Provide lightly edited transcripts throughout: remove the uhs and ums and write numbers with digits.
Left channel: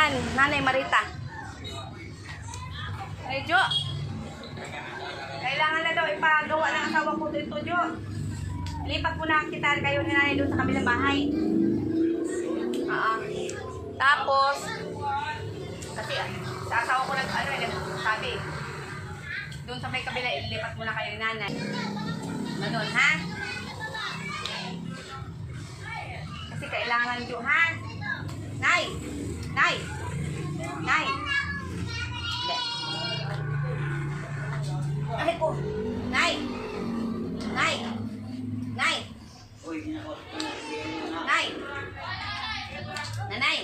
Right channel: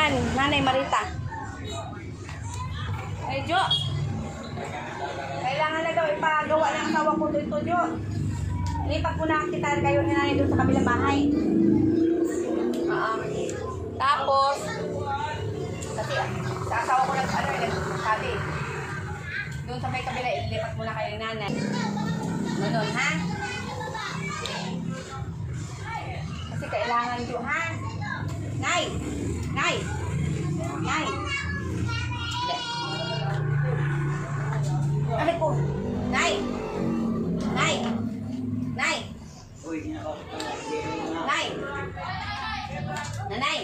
yan, Nanay Marita. Ay, Jo. Kailangan na daw ipagawa ng asawa ko dito, Jo. Lipat mo na kita kayo ni Nanay doon sa kabilang bahay. Tapos, kasi sa asawa ko nagsabi. Doon sa may kabila, ilipat mo na kayo ni Nanay. Ganun, ha? Kasi kailangan, Jo, ha? Nay! Nay! Nay! Ay ko! Nay! Nay! Nay! Nay! Nanay!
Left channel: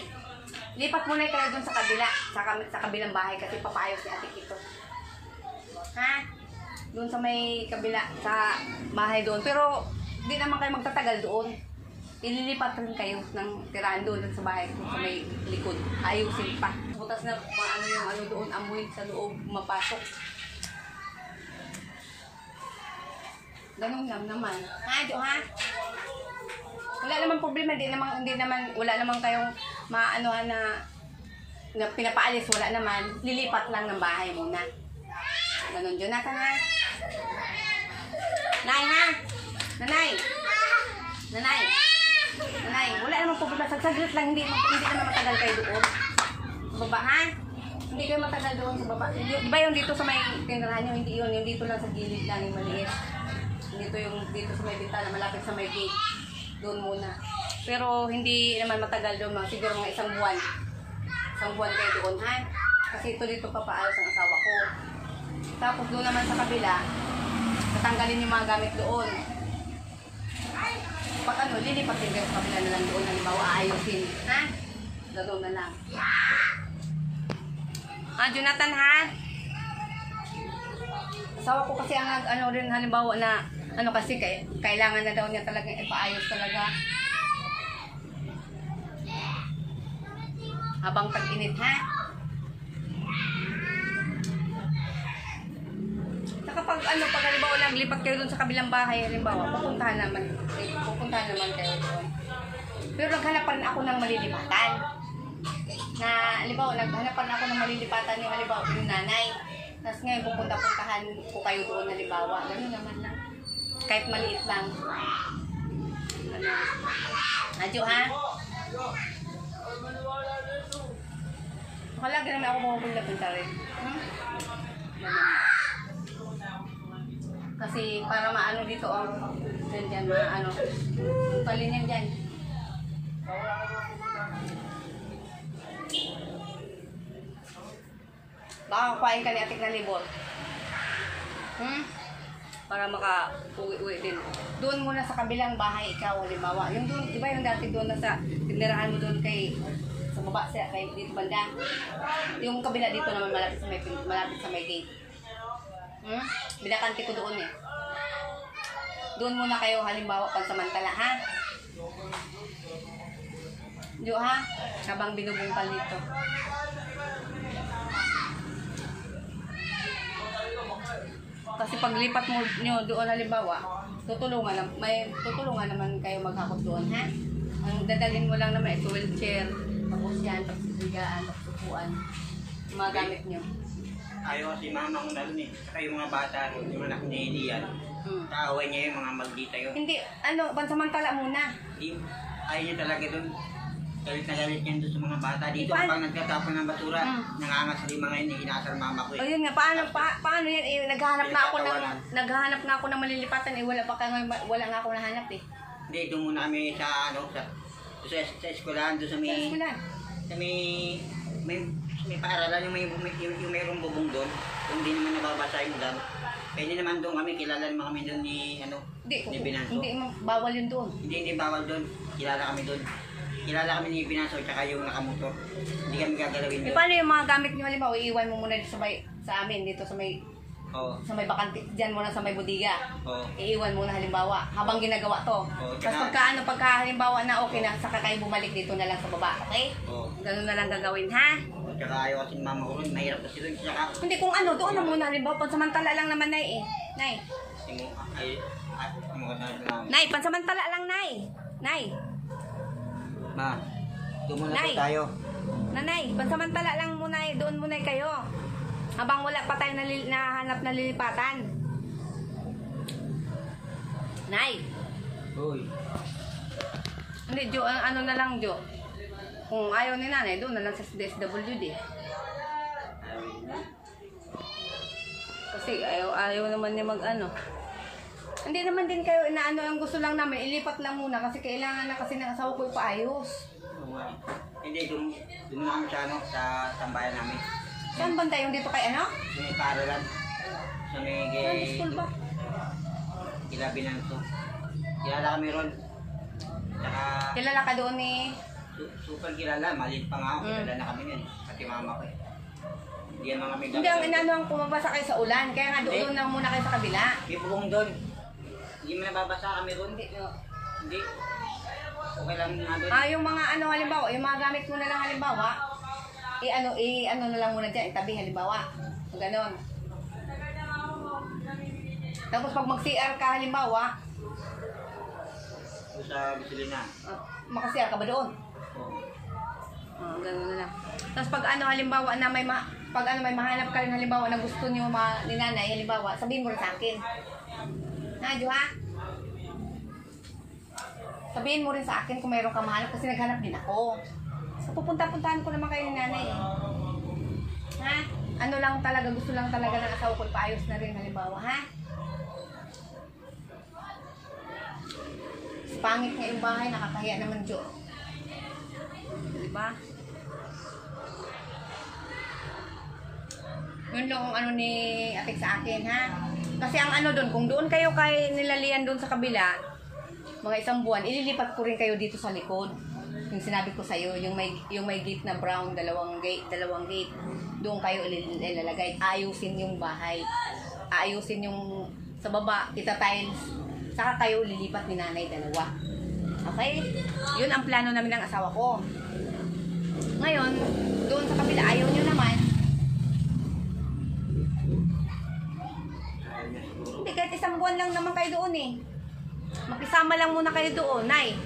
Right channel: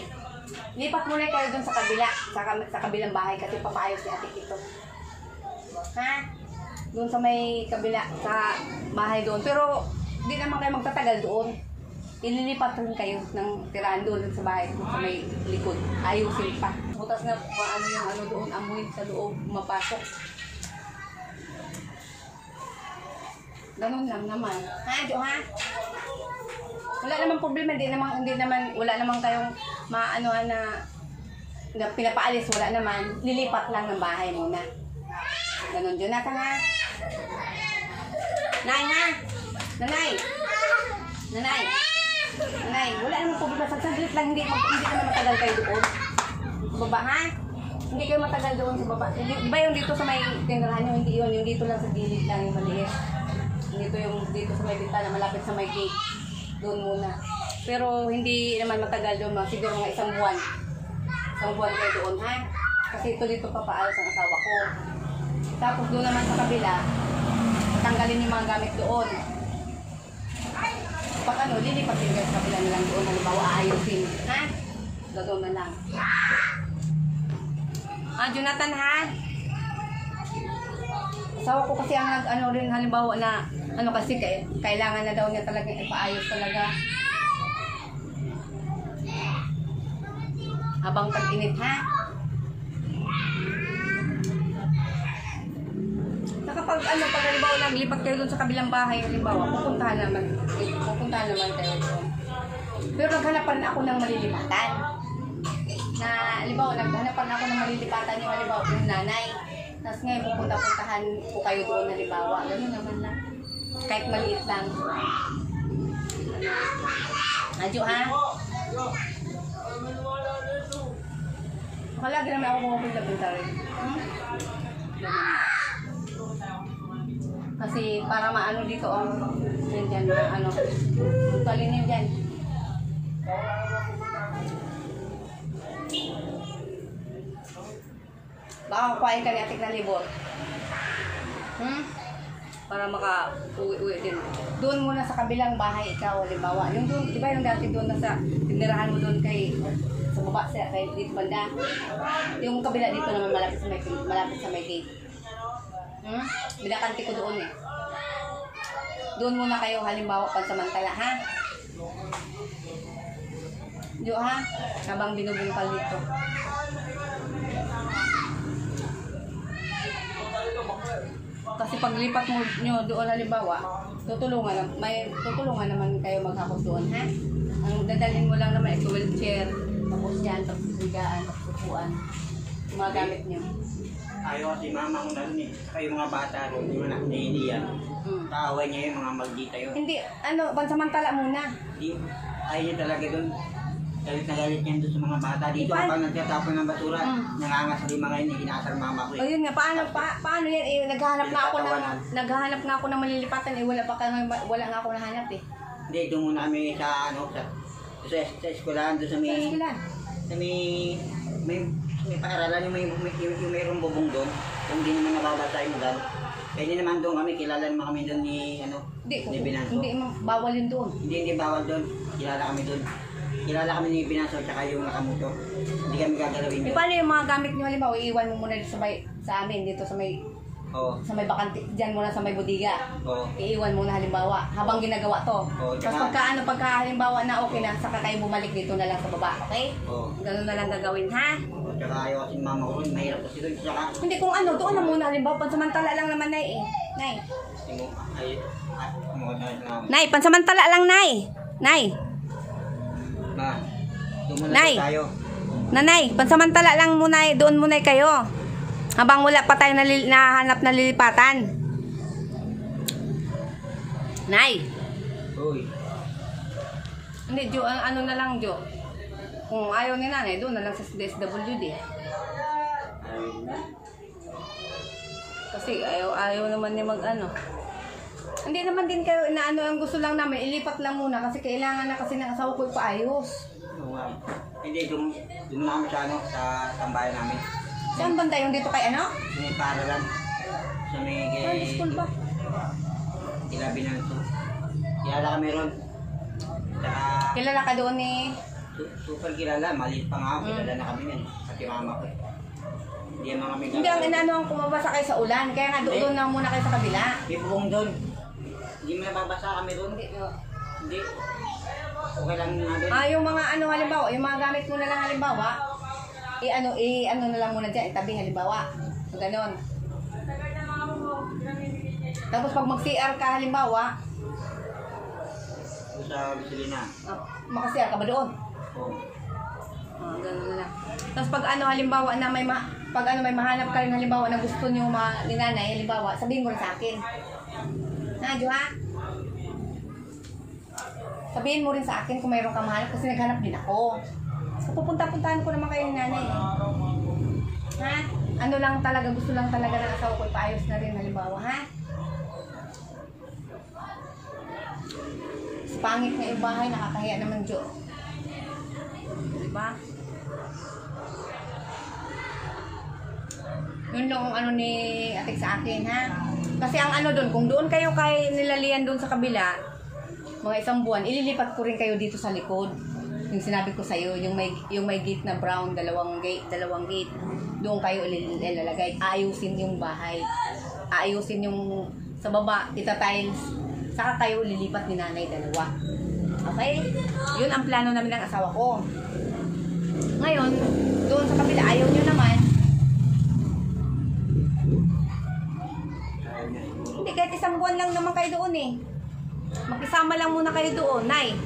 Lipat muna kayo dun sa kabila, sa kabilang bahay kasi papaayos ni Ate Kito. Ha? Doon sa may kabila, sa bahay doon. Pero, di naman kayo magtatagal doon. Ililipat rin kayo ng tirahan doon sa bahay doon sa may likod. Ayusin pa. Butas na ano yung ano doon, amoy sa loob, mapasok. Ganun lang naman. Ha, Jo, ha? Wala namang problema, wala namang kayong maanuhan na pinapaalis, wala naman. Lilipat lang ng bahay muna. Ganun, Jonathan, ha? Nay, ha? Nanay! Nanay! Nanay, wala namang problema. Saglit lang, hindi naman matagal kayo doon. Sa baba, ha? Hindi kayo matagal doon sa baba. Iba yung dito sa may tinderahan nyo, hindi yun. Yung dito lang sa gilid lang, yung maliit. Dito sa may bintana, malapit sa may gate. Doon muna. Pero hindi naman matagal doon, siguro mga isang buwan. Isang buwan kayo doon, ha? Kasi ito dito papaalos ang asawa ko. Tapos doon naman sa kabila, tatanggalin yung mga gamit doon. Pag lilipat din kayo sa kabila na lang doon, halimbawa aayusin, ha? Gagawin na lang. Jonathan, ha? Asawa ko kasi ang rin halimbawa na kasi kailangan na daw niya talaga ipaayos talaga. Habang tag-init, ha? Saka pag halimbawa naglipat kayo doon sa kabilang bahay, halimbawa, pupuntahan naman kayo doon. Pero naghanapan ako ng malilipatan. Na, halimbawa, naghanapan ako ng malilipatan yung halimbawa yung nanay. Tapos ngayon, pupuntahan ko kayo doon, halimbawa. Ganun naman lang. Kahit maliit lang. Jo, ha? Lagi naman ako pupunta rin. Kasi para maano dito, dyan, palin yan dyan. Baka kukain ka ni Atik na libor. Para maka-uwi din. Doon muna sa kabilang bahay ikaw, halimbawa. Yung doon, di ba yung dati doon nasa tinderahan mo doon sa baba, kay dito banda. Yung kabila dito naman malapit sa may gate. Binakanti ko doon eh. Doon muna kayo halimbawa pansamantala, ha? Jo, ha? Habang binubungkal dito. Kasi paglipat mo nyo doon halimbawa, tutulungan naman kayo maghakot doon, ha? Ang dadalhin mo lang naman ito wheelchair, tapos yan, tapos bigaan, tapos upuan, mga gamit nyo. Ayaw kasi mama ko na rin eh. Saka yung mga bata rin, yung anak ni Elian. Kaaway niya yung mga maldita yun. Hindi, pansamantala muna. Ayaw niya talaga doon. Galit na galit niya doon sa mga bata. Dito pag nagkatapon ng basura, nangangas sa lima ngayon, inaasar mama ko eh. O yun nga, paano yan? Naghahanap na ako ng malilipatan eh. Wala nga ako nahanap eh. Hindi, doon muna kami sa eskwelahan, doon sa may paaralan yung mayroong bubong doon. Yung hindi naman nababasa yung dam. Pwede naman doon kami, kilala naman kami doon ni Binanso. Hindi, bawal yun doon. Hindi bawal doon. Kilala kami doon. Kilala kami ni Binanso at yung nakamotor. Hindi kami gagalawin doon. Paano yung mga gamit nyo halimbawa, iiwan mo muna dito sa amin, dito sa may sa may bakante, dyan muna sa may budiga. Iiwan muna halimbawa, habang ginagawa to. Tapos pagka halimbawa na okay na, saka kayo bumalik dito na lang sa baba, okay? Ganun na lang gagawin, ha? Tsaka ayaw kasi mama ko rin, mahirap kasi doon. Hindi, kung doon na muna halimbawa, pansamantala lang naman, Nay eh. Nay, pansamantala lang, Nay. Nay. Doon muna tayo. Nanay, pansamantala lang muna, doon muna kayo. Habang wala pa tayo nahanap na lilipatan. Nay. Uy. Hindi, Jo, ano na lang, Jo. Kung ayaw ni nanay, doon na lang sa DSWD. Kasi ayaw naman niya mag-ano. Hindi naman din kayo inaano, ang gusto lang namin, ilipat lang muna kasi kailangan na kasi ng asawa ko ipaayos. Hindi, doon na kami sa, sa tambayan namin. Saan banda yung dito kay ano? Sa may paaralan. Sa may Saan school ba? Ilabi na ito. Kilala kami ron. Saka, Kilala ka doon ni... super kilala. Maliit pa nga ako. Kilala na kami yan. Pati mama ko. Hindi naman kami Hindi, ang inaano ang kumabasa kayo sa ulan. Kaya nga doon lang muna kayo sa kabila. May bubong doon. Hindi mo nababasa kami ron. Hindi, no. Hindi. Okay lang nga doon. Yung mga ano halimbawa, yung mga gamit mo na lang halimbawa, ano na lang muna dyan, itabi halimbawa. Ganon. Tapos pag mag-CR ka halimbawa, Sa gasolina. maka-CR ka ba doon? Oo. Ganon na lang. Tapos pag ano halimbawa na may may mahanap ka rin halimbawa na gusto niyo ni nanay halimbawa, sabihin mo rin sa akin. Jo ha? Sabihin mo rin sa akin kung mayroon ka mahanap kasi naghanap din ako. So pupunta-puntahan ko naman kayo ni nanay. Ha? Ano lang talaga, gusto lang talaga ng asawa ko ipaayos na rin halimbawa, ha? Pangit nga yung bahay, nakakahiya naman, Jo. Diba? Yun lang ang ano ni Atik sa akin, ha? Kasi ang ano doon, kung doon kayo kay nilalian doon sa kabila, mga isang buwan, ililipat ko rin kayo dito sa likod. Yung sinabi ko sa'yo, yung may gate na brown, dalawang gate. Doon kayo ilalagay. Ayusin yung bahay. Ayusin yung sa baba, tita-tiles. Saka kayo lilipat ni nanay dalawa. Okay? Yun ang plano namin ng asawa ko. Ngayon, doon sa kabila, ayaw nyo naman. Hindi, kahit isang buwan lang naman kayo doon eh. Makisama lang muna kayo doon. Nay!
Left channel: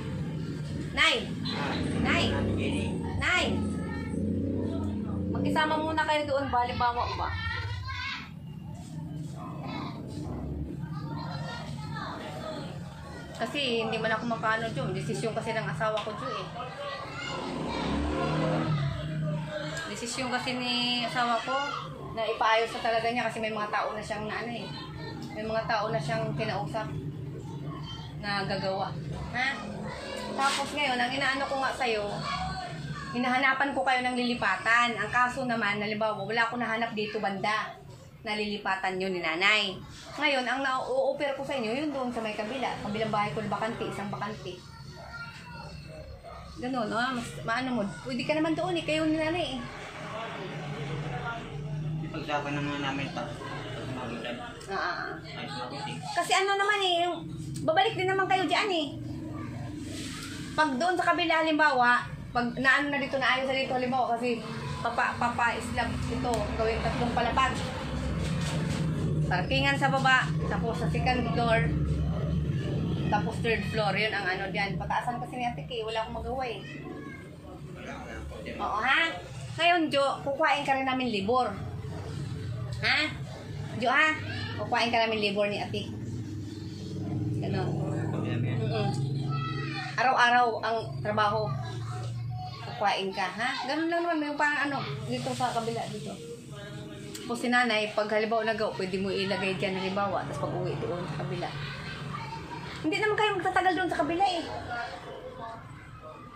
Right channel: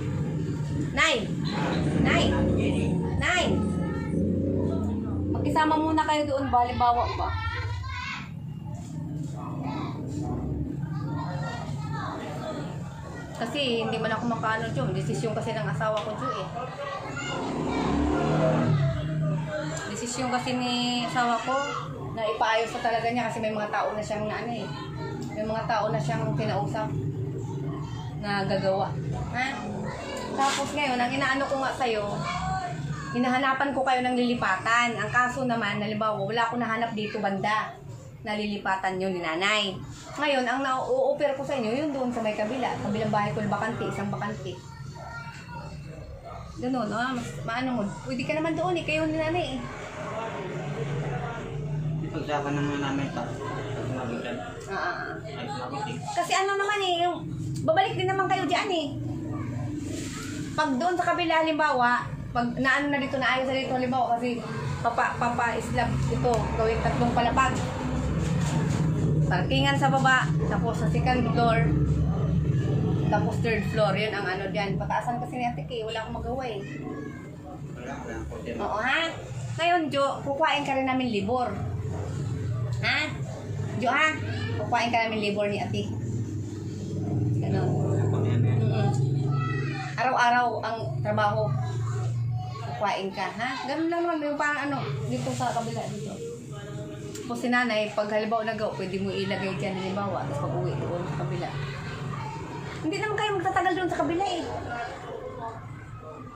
Makisama muna kayo doon, balibawa ba? Kasi hindi man ako makaano dyan. Desisyon kasi ng asawa ko dyan eh. Desisyon kasi ni asawa ko na ipaayos na talaga niya kasi may mga tao na siyang ano eh. May mga tao na siyang kinausap na gagawa. Ha? Tapos ngayon, ang inaano ko nga sa'yo, hinahanapan ko kayo ng lilipatan. Ang kaso naman, halimbawa, wala akong nahanap dito banda. Nalilipatan yun ni nanay. Ngayon, ang na-o-offer ko sa inyo, yun doon sa may kabila. Kabilang bahay ko, bakante, isang bakante. Ganun, mas maano mo. Pwede ka naman doon eh, kayo ni nanay eh. Ipagsapan naman namin pa. Pag sumagutan. Ay sumagutin. Kasi ano naman eh, babalik din naman kayo dyan eh. Pag doon sa kabila, halimbawa, pag naano na dito, naayos na dito, halimbawa, kasi papa-slab ito, gawing 3 palapag. Parkingan sa baba, tapos sa second floor, tapos third floor, yun ang ano dyan. Pataasan kasi ni Ate Kay, wala akong magawa eh. Oo ha? Ngayon Jo, kukuhain ka rin namin libor. Ha? Jo ha? Kukuhain ka namin libor ni Ate. Ganon. Araw-araw ang trabaho. Kukuhain ka, ha? Ganon lang naman, yung parang ano, dito sa kabila dito. Tapos si nanay, pag halimbawa nagawa, pwede mo ilagay dyan halimbawa, tapos pag uwi doon sa kabila. Hindi naman kayo magtatagal doon sa kabila eh.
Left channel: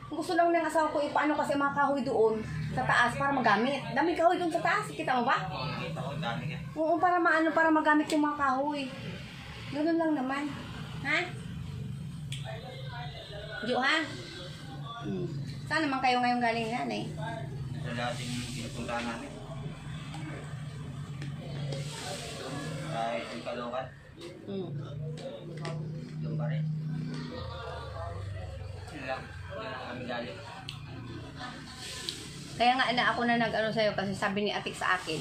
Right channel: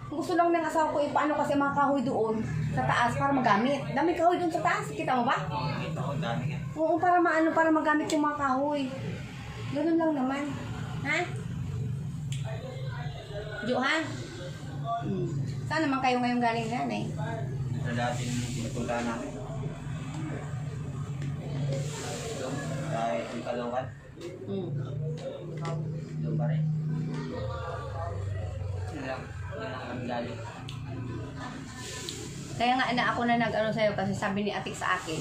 Gusto lang ng asawa ko, paano kasi mga kahoy doon sa taas para magamit. Dami kahoy doon sa taas, kita mo ba? Oo, nakita ko, dami ka. Oo, para magamit yung mga kahoy. Ganun lang naman. Ha? Jo, ha? Saan naman kayo ngayon galing nanay? Sa dating pinupunta namin. Kahit yung Caloocan. Doon pa rin. Yun lang. Yun lang kami galing. Kaya nga ako na nag-ano sa'yo kasi sabi ni Atik sa akin,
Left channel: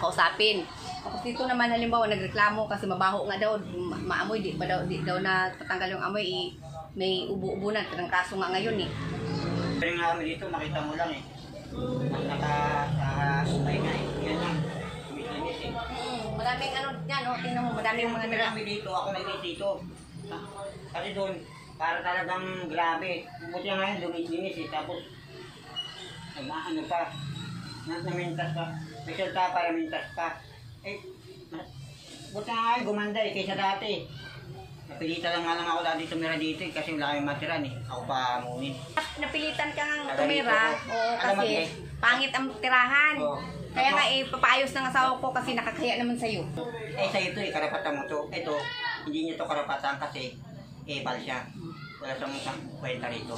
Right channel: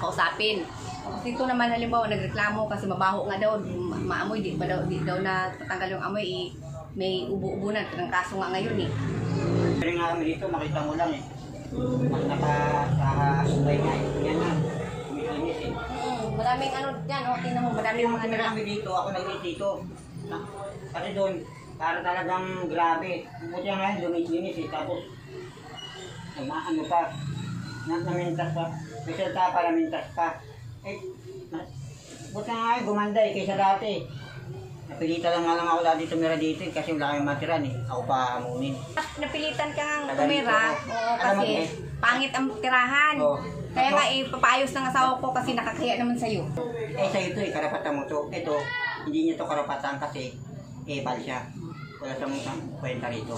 kausapin. Tapos dito naman halimbawa nagreklamo kasi mabaho nga daw, maamoy, di daw na tatanggal yung amoy, may ubo-ubo na, kaso nga ngayon eh. Pero nga kami dito, makita mo lang eh. nakasubay nga eh. Yan lang. Kumikinis eh. Maraming ano dyan, oh, tingnan mo, maraming Yung mga tumira kami dito, ako nag-iit dito. Kasi doon, para talagang grabe. Buti nga ngayon, lumis-linis eh. Tapos, ano pa, namintas pa. May salta para mintas pa. Eh, buti nga ngayon, gumanda eh, kaysa dati. Napilita lang nga lang ako lagi tumira dito eh, kasi wala kami matiran eh. Ako pa amunin. Napilitan ka nga tumira, oo, kasi pangit ang tirahan. Oo. Kaya nga papaayos ng asawa ko kasi nakakaya naman sa'yo. Eh sa ito eh, karapatan mo to. Ito, hindi niya to karapatan kasi epal siya. Wala siyang kwenta rito.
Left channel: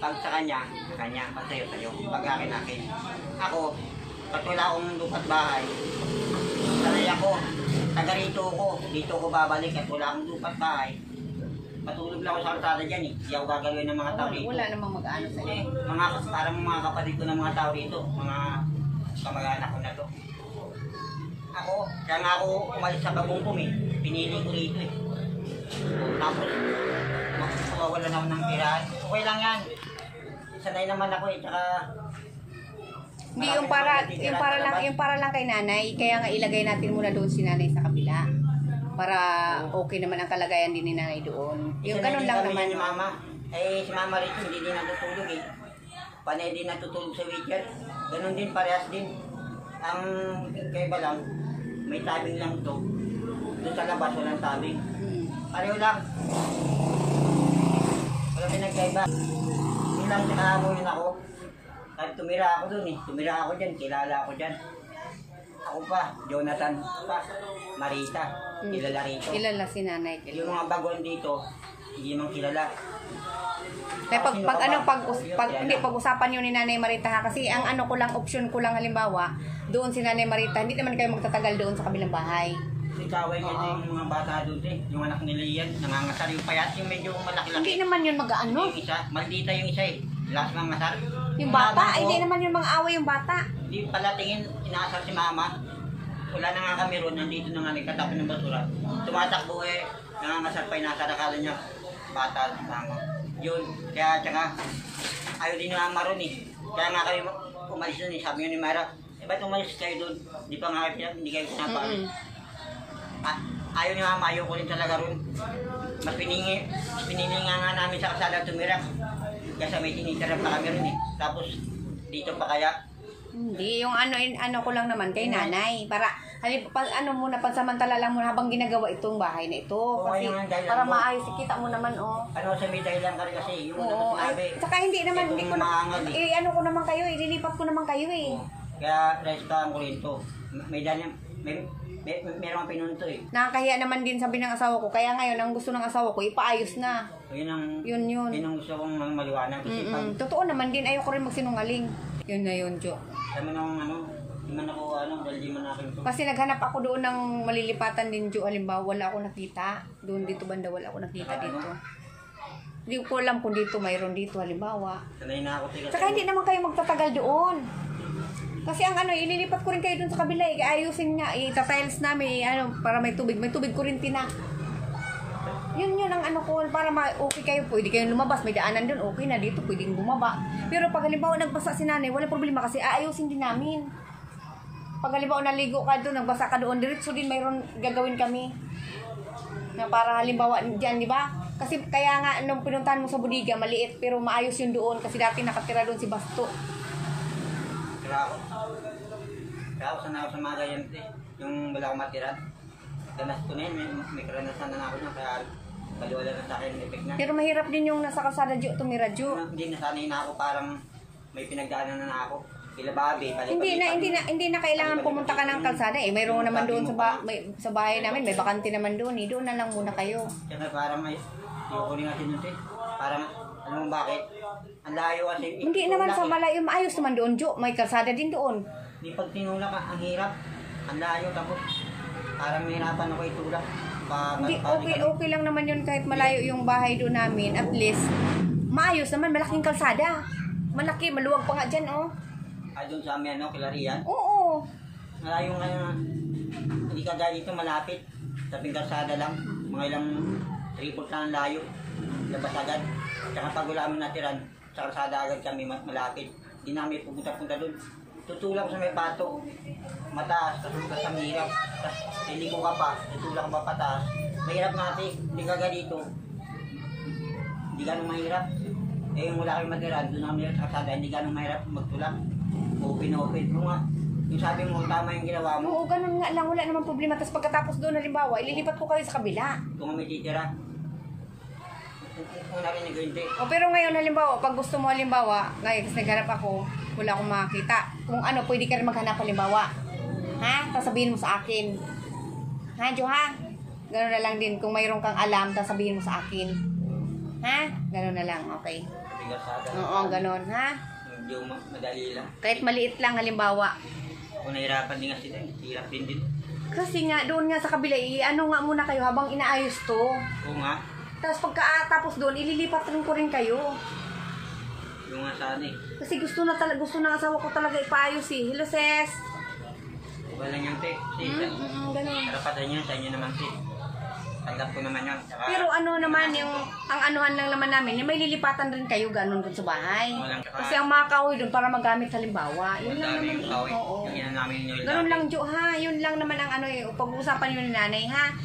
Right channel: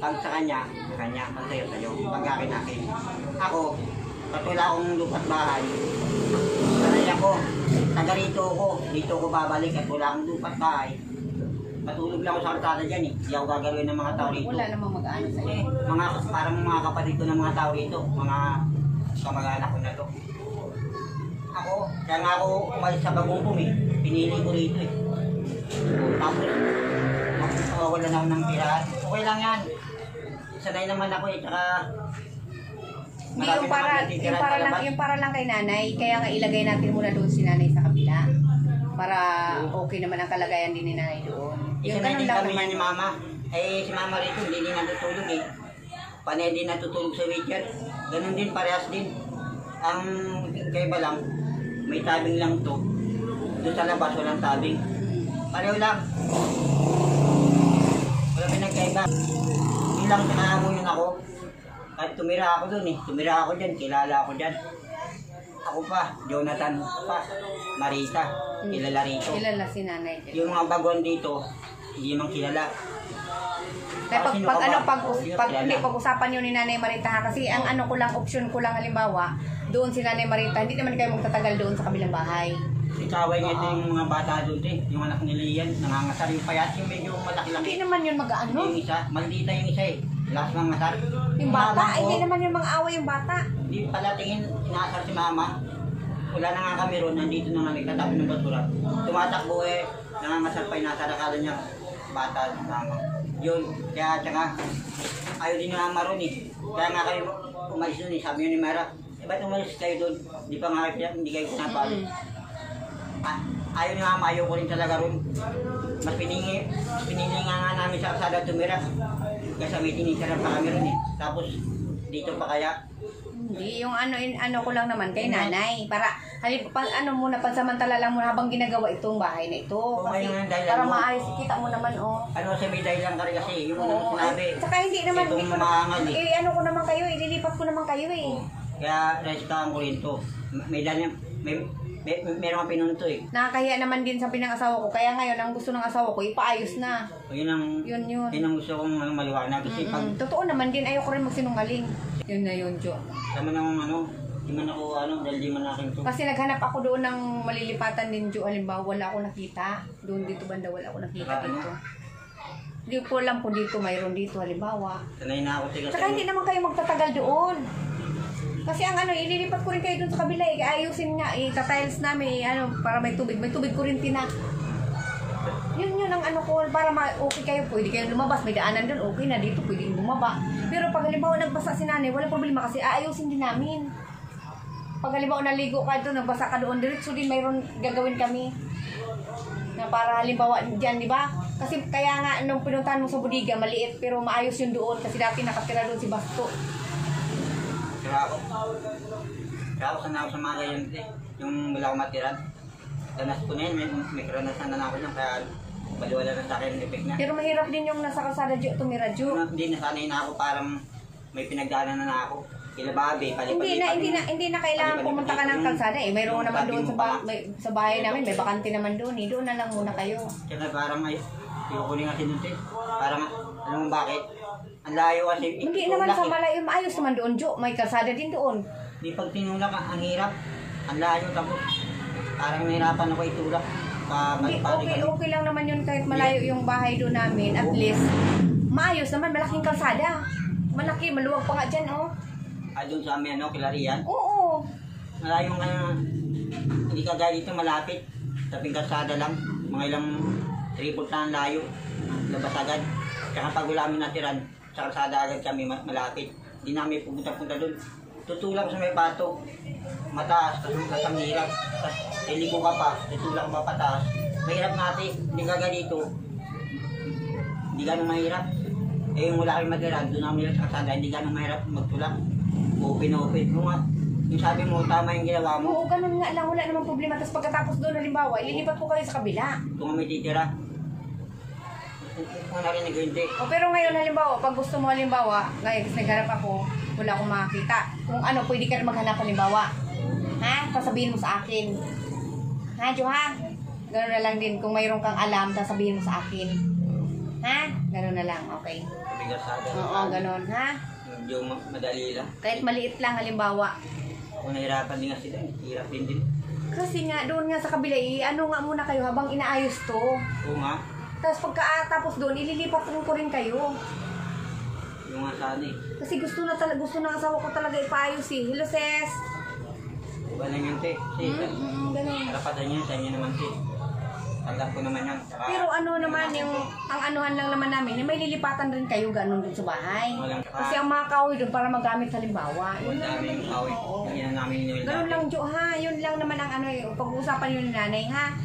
Pag sa kanya, pag sa'yo, sa'yo. Pag akin. Ako, pag wala akong lupat bahay, sanay ako, taga rito ako, dito ako babalik at wala akong lupat bahay. Patulog lang ako sa kalsada dyan eh. Hindi ako gagawin ng mga tao rito. Wala namang mag-ano sa'yo. Parang mga kapatid ko ng mga tao rito. Mga kamag-anak ko na to. Ako, kaya nga ako umalis sa Bagongpong eh. Pinili ko rito eh. Tapos, wala na ako ng tirahan. Okay lang yan. Sanay naman ako eh. Tsaka, Hindi, yung para lang kay nanay, kaya nga ilagay natin muna doon si nanay sa kabila. Para okay naman ang kalagayan din ni nanay doon. isa na din kami niya ni mama. Eh, si mama rito, hindi din natutulog eh. Panay din natutulog sa wheelchair. Ganon din, parehas din. Ang kaiba lang, may tabing lang to. Doon sa labas, walang tabing. Pareho lang. Wala pinagkaiba. Yun lang, nakahamunin ako. At tumira ako doon eh. Tumira ako dyan, kilala ako dyan. Ako pa, Jonathan pa, Marita, kilala rito. Kilala si nanay. Yung mga baguan dito, hindi man kilala. Kaya pag-usapan yun ni Nanay Marita ha, kasi ang ano ko lang, option ko lang halimbawa, doon si Nanay Marita, hindi naman kayo magtatagal doon sa kabilang bahay. Ikaway niya ito yung mga bata doon eh, yung anak nila yan, nangangasar yung payat, yung medyo malaki-laki. Hindi naman yun mag-ano. Yung isa, maldita yung isa eh, lakas mga ngasar. Yung bata, hindi naman yun mga away yung bata. Hindi pala tingin, inaasar si mama. Wala na nga kami ron, nandito na nga nagkatapon ng basura. Tumatakbo eh, nangangasar pa, inasar, akala niya bata si mama. Yun, kaya tsaka ayaw din ni mama ron eh. Kaya nga kayo umalis doon eh, sabi niyo ni Mara, eh ba't umalis kayo doon? Di pa nga kayo, hindi kayo pinapali. Ayaw ni mama, ayaw ko rin talaga ron. Mas pinili nga namin sa kasada tumira. Kasi may tinitirap pa kami ron eh. Tapos dito pa kaya. Hindi, yung ano ko lang naman kay nanay. Para, muna, pansamantala lang muna habang ginagawa itong bahay na ito. Kasi, para maayos, kita mo naman, oh. Ano, sa may dahilan ka rin kasi, yung una mo sinabi. Tsaka hindi naman, itong maangal eh. ano ko naman kayo, ililipat ko naman kayo eh. Kaya, resitahan ko rin to. May dahilan, meron kang pinunto eh. Nakakahiya naman din sabi ng asawa ko. Kaya ngayon, ang gusto ng asawa ko, ipaayos na. Yun ang gusto kong maliwanag. Kasi pag... Totoo naman din, ayoko rin magsinungaling. Yun na yun, Jo. Tama nang di man ako dahil di man akin to. Kasi naghanap ako doon ng malilipatan din, Jo. Halimbawa, wala ako nakita. Doon dito banda, wala ako nakita dito. Hindi ko alam kung dito, mayroon dito, halimbawa. Sanay na ako. Saka hindi naman kayo magtatagal doon. Kasi ang ililipat ko rin kayo dun sa kabila eh. Ayusin nga, itatiles namin, para may tubig. May tubig ko rin tinak. Yun ang ko, para okay kayo. Pwede kayong lumabas, may daanan dun, okay na dito, pwedeng bumaba. Pero pag halimbawa nagbasa si nanay, wala problema kasi aayusin din namin. Pag halimbawa naligo ka doon, nagbasa ka doon, diretso din mayroon gagawin kami. Na para halimbawa dyan, di ba? Kasi kaya nga, nung pinuntahan mo sa Budiga, maliit, pero maayos yun doon. Kasi dati nakatira doon si Basto. Kaya ako sana ako sa mga ganyan eh. Yung wala akong matiran. Danas ko na yun, may karanasan na ako niyan. Kaya baliwala na sa akin yung effect na. Pero mahirap din yung nasa kalsada, Jo, tumira, Jo. Hindi, nasanay na ako, parang may pinagdaanan na ako. Kilababe, Hindi na kailangan pumunta ka ng kalsada eh. Mayroon naman doon sa bahay namin, may bakante naman doon eh. Doon na lang muna kayo. Kaya parang ayoko din kasi doon eh. Parang, alam mo bakit? Ang layo kasi. Hindi naman sa malayo, maayos naman doon, Jo. May kalsada din doon. Di pag tinulak, ang hirap. Ang layo, tapos parang nahirapan ako itulak. Okay lang naman yun kahit malayo yung bahay doon namin. At least, maayos naman, malaking kalsada. Malaki, maluwag pa nga dyan, oh. Doon sa amin, Kilarian? Oo. Malayo nga, hindi ka dahil dito malapit. Taping kalsada lang, mga ilang tripod na ang layo. Labas agad. Tsaka pag wala kami natiran, sa kalsada agad kami malapit. Hindi namin pupunta-punta doon. Tutulak sa may bato. Mataas, tapos ang hirap. Tapos iliko ka pa, tutulak ka pa pataas. Mahirap natin, hindi ka ganito. Hindi ganun mahirap. Eh yung wala kayong mag-irad, doon namin sa kasada, hindi ganun mahirap magtulak. Open. Yung sabi mo, tama yung ginawa mo. Oo, ganun nga lang. Wala namang problema. Tapos pagkatapos doon, halimbawa, ililipat ko kayo sa kabila. Kung may titira. Kung narinig ko hindi. O pero ngayon, halimbawa, pag gusto mo halimbawa, ngayon, kasi naghanap ako, wala akong makakita. Kung ano, pwede ka rin maghanap halimbawa. Ha? Tapos sabihin mo sa akin. Ha, Jo, ha? Ganun na lang din. Kung mayroon kang alam, tapos sabihin mo sa akin. Ha? Ganun na lang, okay. Bigat sa akin. Oo, ganun, ha? Yung madali lang. Kahit maliit lang halimbawa. Kung nahirapan din nga sila, hirap din. Kasi nga, doon nga sa kabila, ano nga muna kayo habang inaayos to. Oo nga. Tapos pagkatapos doon, ililipat rin ko rin kayo. Yung nga sana eh. Kasi gusto na asawa ko talaga ipaayos eh. Hello, sis. Iba lang yan, te. Kasi Ganun. karapatan niya, sa inyo naman, te. Tanggap ko naman yan. Saka, Pero ano naman yung, ang anuhan lang naman namin, may lilipatan rin kayo ganun dun sa bahay. Walang Kasi ang mga kahoy dun para magamit sa limbawa. Wala dami yung kahoy. Oo. Yung ina namin yung Ganun lang, Jo, ha? Yun lang naman ang ano, pag-uusapan yun ni nanay, ha?